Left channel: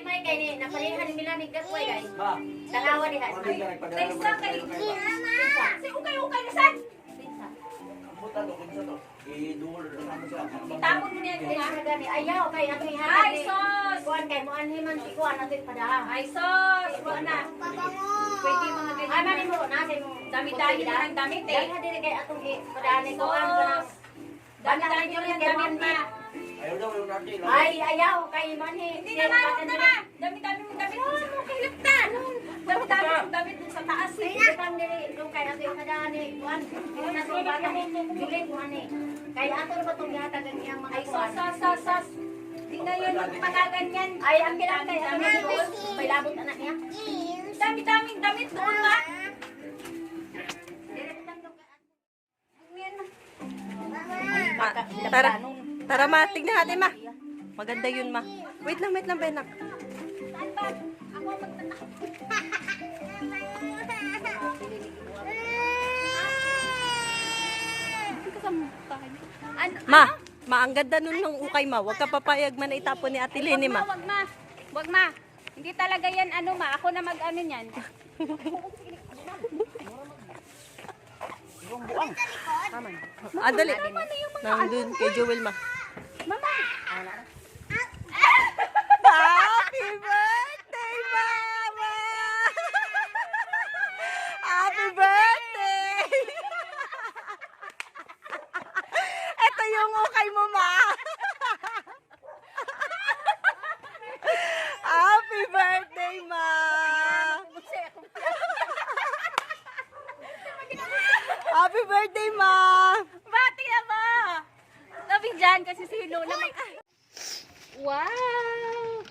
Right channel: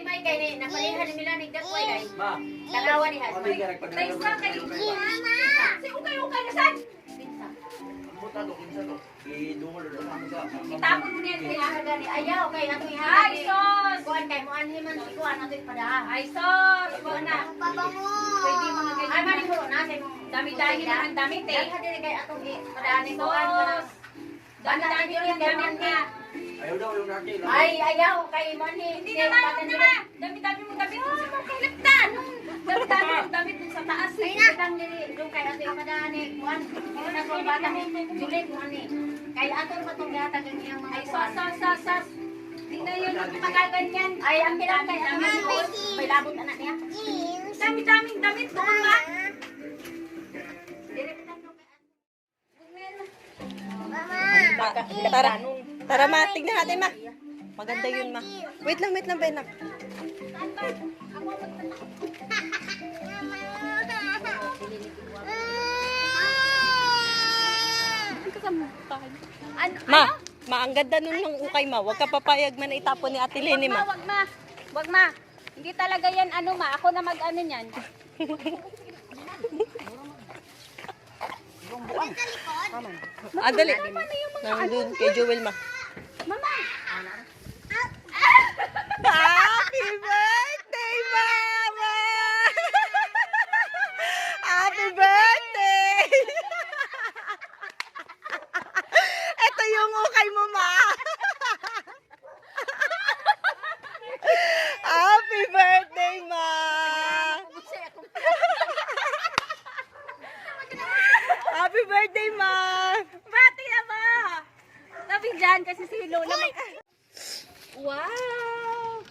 May kay ni napalihan ni Milani gakway guys. Ma. Dalawa ni Has. Kami ka nagpadala. Sa isa kay Mama. Si ukay na sad. Pinsa. Ang buta do kinsa to. Idungol do kami sa. Tapon mo niya gani. Ayaw kay ato ihatag. Ay sos. Kuan kay mo anhi man ikuan ato ipada. Ay sos. Kuan na. Pabango. Pwede mga ganyan. Ay mani mo na sa imong damit-damit na damit eh. Dali dili kay atong ipadaan ni kuan ko na. Dali dili kay damit na. Ayaw daw yung rati. Ay, ayaw kay Manhi. Hindi na nga. Dami-dami mong damit. Kalagtan. Dami-dami mong damit dun sa taas. Ay, nakang nili. Doon kay ato yung madani. Juan, hindi na sa bata. Julit mo ani. Kaya ato na ba itong yatag ang iyang mga Sas. Hindi na yun magaganyan. Ay, ang pinakay. Ang doon. May labot anak niya. Dami-daming damit doon nga. Tara ma, tignan natin ma. Maganda yun ma. Wait lang, Benak. Ma, ang ganda nun ng ukay ma. Huwag ka papayag man na itapon ni Ate Leni ma. Wag ma. Hindi talaga yan ano ma. Ako na mag-ano niyan. Dali. Nandun kay Joel ma. Mama. Happy birthday, Mama! Happy birthday! Ito yung ukay mo, Ma! Happy birthday, Ma! Happy birthday, Ma! Bati na ba? Sabi dyan kasi si Lola Wow!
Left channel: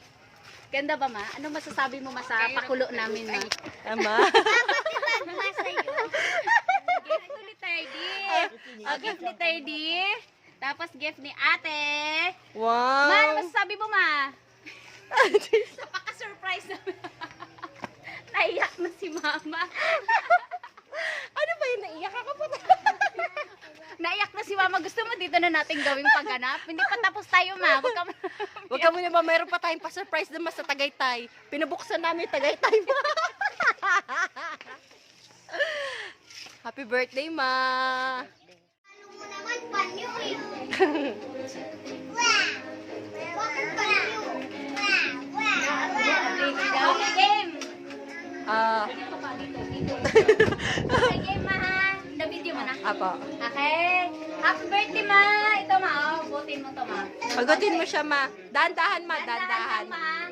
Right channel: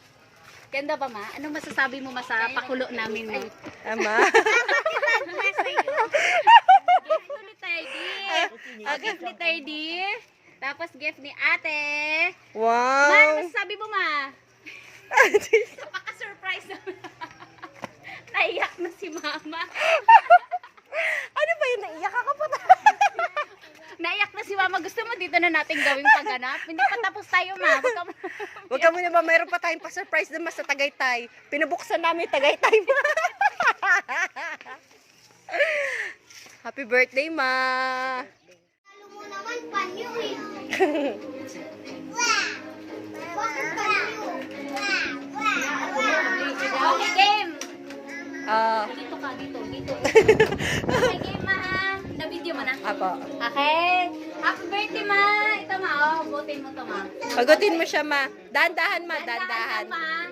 Ganda ba ma? Anong masasabi mo ma sa pakulo namin ma? Ama? Gift ni Teddy. Gift ni Teddy. Tapos gift ni ate. Ma, ano Wow! masasabi mo ma? Napaka-surprise naman. Naiyak na si mama. Ano ba yun? Naiyak ako pa. Naiyak na si mama. Gusto mo dito na natin gawing pagganap? Hindi pa tapos tayo ma. Huwag ka muna ba, mayroon pa tayong pa-surprise naman sa Tagaytay. Pinabuksan namin Tagaytay, Ma. Happy birthday, Ma. Ano mo naman panyo eh. Okay, game. Okay, game ma ha. Na-video mo na. Apo. Okay. Happy birthday ma. Ito ma oh. Butin mo to ma. Pagutin mo siya, Ma. Dahan-dahan, Ma. Dahan-dahan. ma.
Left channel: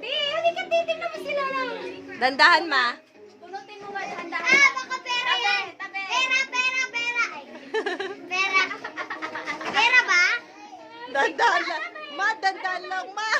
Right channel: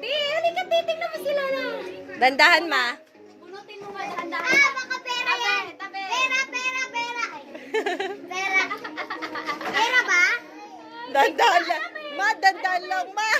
Di, halika titignan mo sila na. Dahan-dahan, Ma. Bunutin mo ma. Dahan-dahan. Baka pera yan. Tabi. Pera. Pera. Pera ba? Dahan-dahan lang. Ma, dahan-dahan lang, Ma.